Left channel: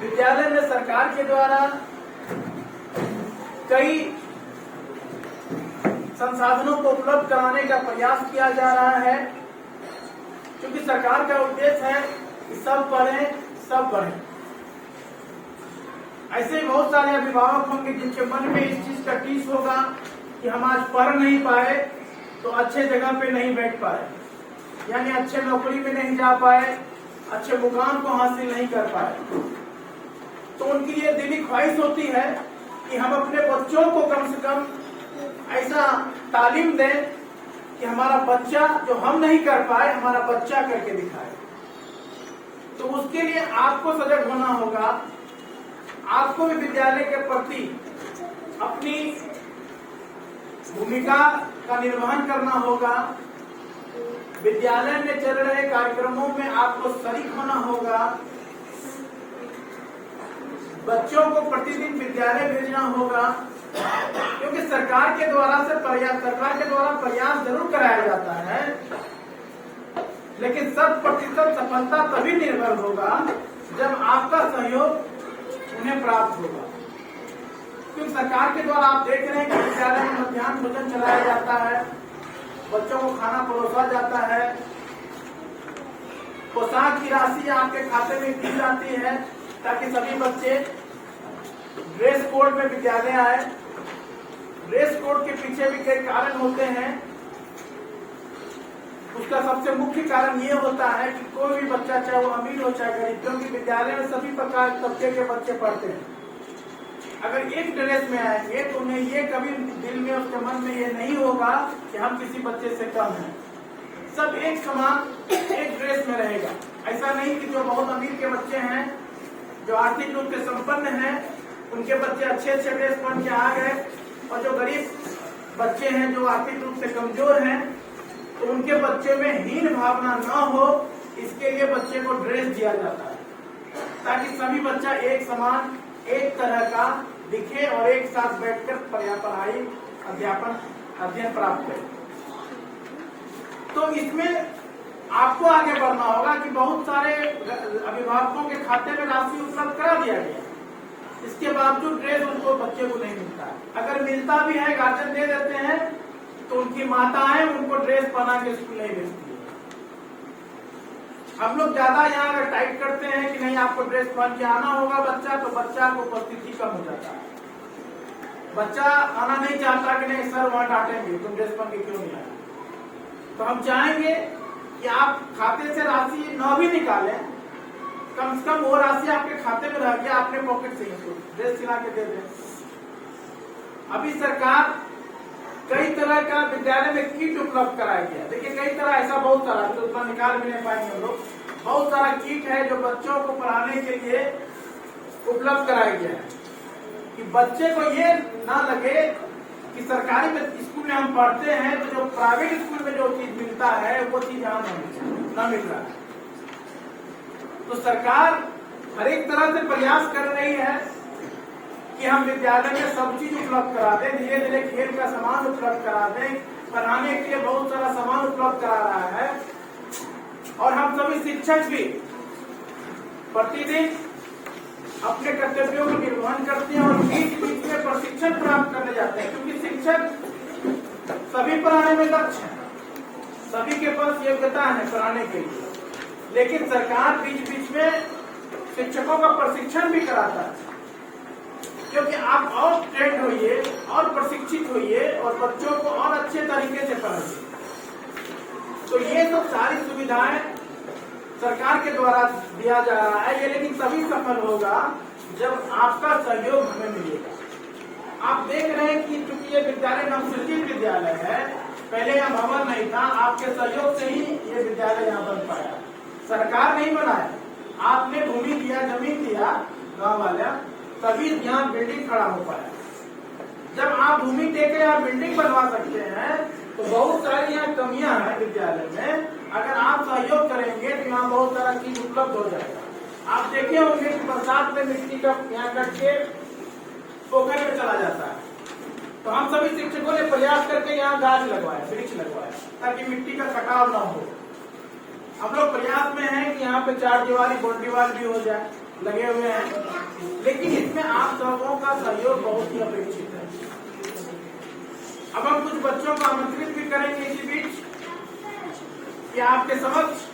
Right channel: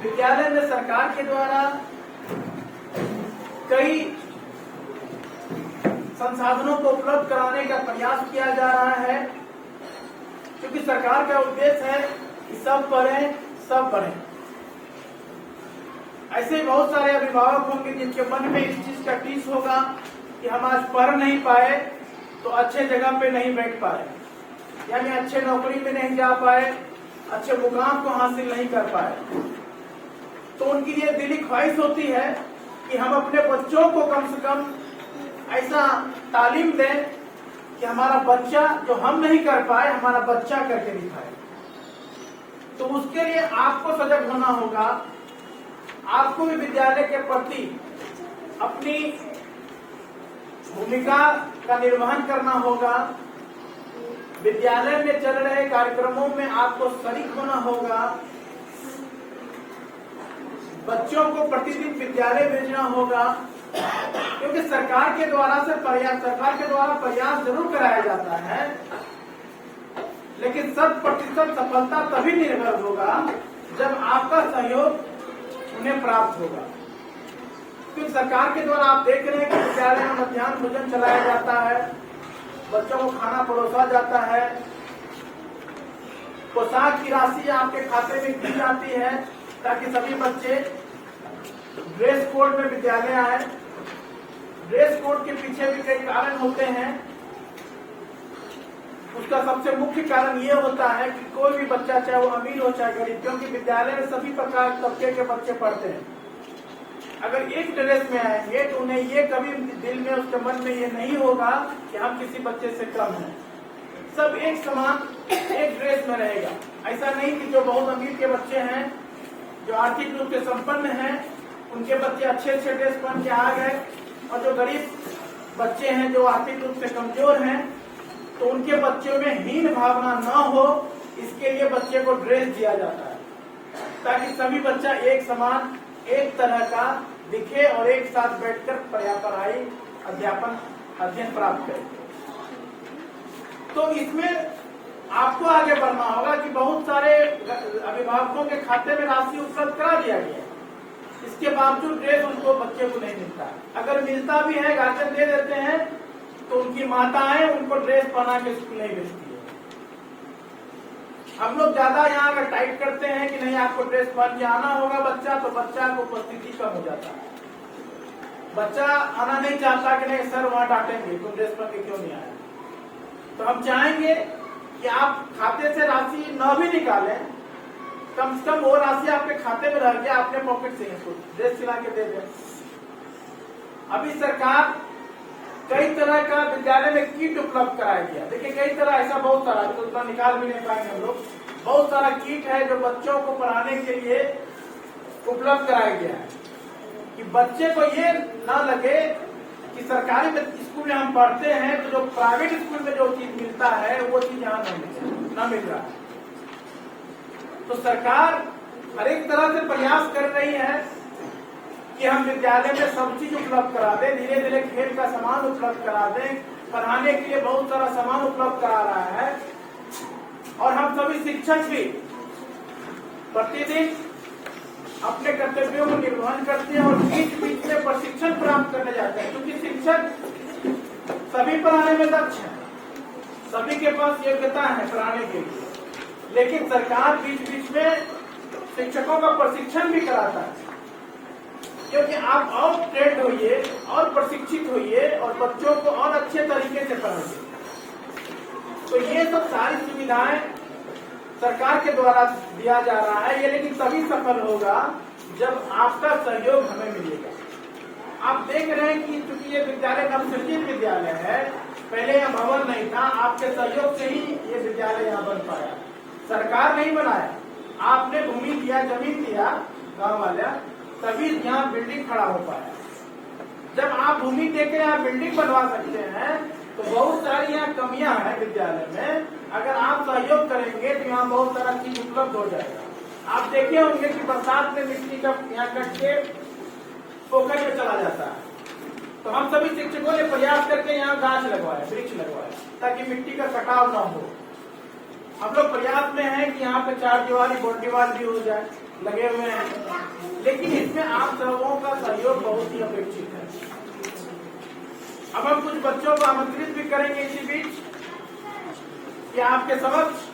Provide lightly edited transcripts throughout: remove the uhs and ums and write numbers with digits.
विद्यालय में सरकार के द्वारा कई संसाधनों को उपलब्ध कराने का प्रयास किया जा रहा है, क्योंकि सरकार का उद्देश्य है कि सब पढ़ें, सब बढ़ें। ऐसे बहुत सारे अभिभावक होंगे जिनके मन में इस चीज का टीस होगा कि हम आज पढ़ नहीं पाए तो अच्छे जगह पे नहीं बैठ पाए, यानी अच्छे नौकरी में नहीं जा पाए, अच्छे मुकाम को हासिल नहीं कर पाए। तो उनकी ये दिली ख्वाहिश होती है कि हम अपने बच्चों को कम से कम ऐसा तालीम दें कि हमारा बच्चा जो हम नहीं कर पाए, हमारा बच्चा करके दिखाए। तो उसके लिए आपको सजग होना होगा, आपको भी विद्यालय के प्रति अपनी भूमिका का निर्वहन करना होगा। विद्यालय में चल रहे कार्यक्रमों में आपको शरीक होना होगा। बच्चों को प्रतिदिन विद्यालय भेजना होगा, क्योंकि सरकार के द्वारा प्रयास जरूर कराया जाता है, लेकिन 100% सफलता तभी निर्भर होगा जब आपका सहयोग उन्हें प्राप्त होगा। क्योंकि सरकार के द्वारा आप देख रहे हैं कि विद्यालय में मध्याह्न भोजन चलाया जाता है, बच्चों को खाना परोसा जाता है, पोशाक की राशि आपके खाते में दी जाती है ताकि सभी बच्चे ड्रेस कोड में विद्यालय आए। ड्रेस कोड के पीछे भी कई कारण होते हैं। उसका सबसे मुख्य कारण ये होता है कि कोई भी बच्चा, चाहे वो अमीर हो चाहे गरीब, क्योंकि विद्यालय में सभी प्रकार तबके के बच्चे पढ़ते हैं, अगर एक ड्रेस में आएंगे तो उन्हें ये कभी दिल में, उसके मन में ये नहीं होगा कि हम किसी बच्चे से कम हैं। सब एक समान एक ड्रेस में रहेगा। ऐसा नहीं कि जो बहुत अमीर के बच्चे हैं, जो आर्थिक रूप से संपन्न हैं, उनके बच्चे अच्छे ड्रेस पहन के आ गए, और जो गरीब बच्चे हैं, जो आर्थिक रूप से कमजोर हैं, तो उनके बच्चे में हीन भावना न हो, इसके लिए बच्चे को ड्रेस दिया जाता है ताकि सभी बच्चा एक समान, एक तरह का दिखे और एक साथ बैठकर पढ़ाई अध्ययन प्राप्त करे। तो इसमें आपको आगे बढ़ना होगा कि बहुत सारे अभिभावकों के खाते में राशि उपलब्ध करा दिया गया, इसके बावजूद ड्रेस उनको बच्चे को नहीं मिलता। अगर मिलता भी है, गार्जियन दे देते हैं, तो उनकी माताएं उनको ड्रेस पहना के स्कूल नहीं भेजती है। हम लोग ज्यादा यहाँ अगर टाइट करते हैं कि नहीं आपको ड्रेस पहन के आना होगा बच्चा, तो बच्चा को उपस्थिति कम हो जाता है। बच्चा आना नहीं चाहता कि नहीं सर वहां डांटेंगे, तुम ड्रेस पहन के क्यों नहीं आए। तो हम चाहेंगे कि आप खाते से राशि न भी निकालें, कम से कम वो राशि आपके खाते में रह गया, अपने पॉकेट से इसको ड्रेस सिला के दे दें। अभी सरकार कई तरह का विद्यालय में किट उपलब्ध कराया गया। देखिए कई तरह, ऐसा बहुत सारा, तो उतना निकाल भी नहीं पाएंगे हम लोग। बहुत सारा किट है जो बच्चों को पढ़ाने के लिए उपलब्ध कराया गया है कि बच्चे को ये ना लगे कि सरकारी स्कूल में हम पढ़ते हैं तो जो प्राइवेट स्कूल में जो चीज मिलता है वो चीज यहाँ न मिल रहा है। तो सरकार हर एक तरह से प्रयास कर रही है कि हम विद्यालय में सब चीज उपलब्ध करा दें, धीरे धीरे खेल का सामान उपलब्ध करा दें, पढ़ाने के लिए बहुत सारा सामान उपलब्ध करा रहा है। और हम सभी शिक्षक भी प्रतिदिन अपने कर्तव्यों को निर्वहन करते हैं और बीच बीच में प्रशिक्षण प्राप्त करने जाते हैं, क्योंकि शिक्षक सभी पढ़ाने में दक्ष है, सभी के पास योग्यता है पढ़ाने के लिए, लेकिन सरकार बीच बीच में शिक्षकों का प्रशिक्षण भी कराता है, क्योंकि आप और ट्रेंड होइए और प्रशिक्षित होइए और बच्चों को और अच्छे तरीके से पढ़ाइए। तो ये सब सारी सुविधाएं सरकार के द्वारा दिया जा रहा है, ये लेकिन तभी सफल होगा जब आपका सहयोग हमें मिलेगा। आप देख रहे हैं कि चूंकि ये विद्यालय नवसृजित विद्यालय है, पहले यह भवन नहीं था, आपके सहयोग से ही ये विद्यालय यहाँ बन पाया। सरकार नहीं बनाया, आपने भूमि दिया, जमीन दिया गाँव वाला, तभी यहाँ बिल्डिंग खड़ा हो पाया। जब आप भूमि देके यहाँ बिल्डिंग बनवा सकते हैं, तो बहुत सारी यहाँ कमियां हैं विद्यालय में, अगर आप सहयोग करेंगे तो यहाँ बहुत सारा चीज उपलब्ध हो जाएगा। आप देखे होंगे कि बरसात में मिट्टी का यहाँ कट के पोखर में चला जाता है, तो हम सभी शिक्षकों ने प्रयास करके यहाँ गाछ लगवाया, वृक्ष लगवाया, ताकि मिट्टी का कटाव न हो। हम लोग प्रयास में हैं कि यहाँ पे 4 दीवारी बाउंड्री वाल भी हो जाए, लगे हुए हैं, लेकिन इसमें आप सबों का सहयोग बहुत ही अपेक्षित है। अब हम कुछ बच्चों को आमंत्रित भी करेंगे इसी बीच कि आपके समक्ष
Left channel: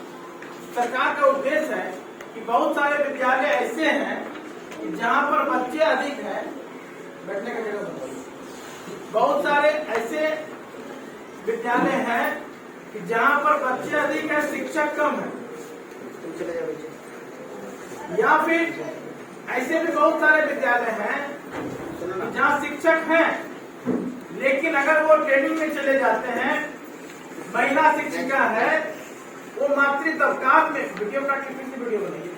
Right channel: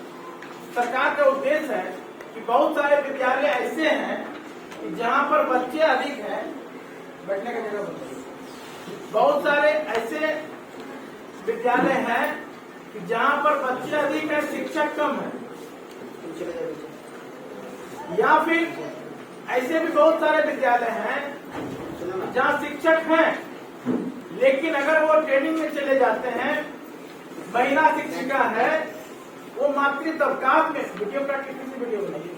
सरकार का उद्देश्य है कि बहुत सारे विद्यालय ऐसे हैं कि जहां पर बच्चे अधिक हैं, बैठने का जगह बताइए, बहुत सारे ऐसे विद्यालय हैं कि जहां पर बच्चे अधिक है, शिक्षक कम है, या फिर ऐसे भी बहुत सारे विद्यालय हैं जहां शिक्षक हैं लेकिन अगर वो ट्रेनिंग में चले जाते हैं, महिला शिक्षिका है, वो मातृत्व काल में वीडियो का किसी वीडियो बनाइए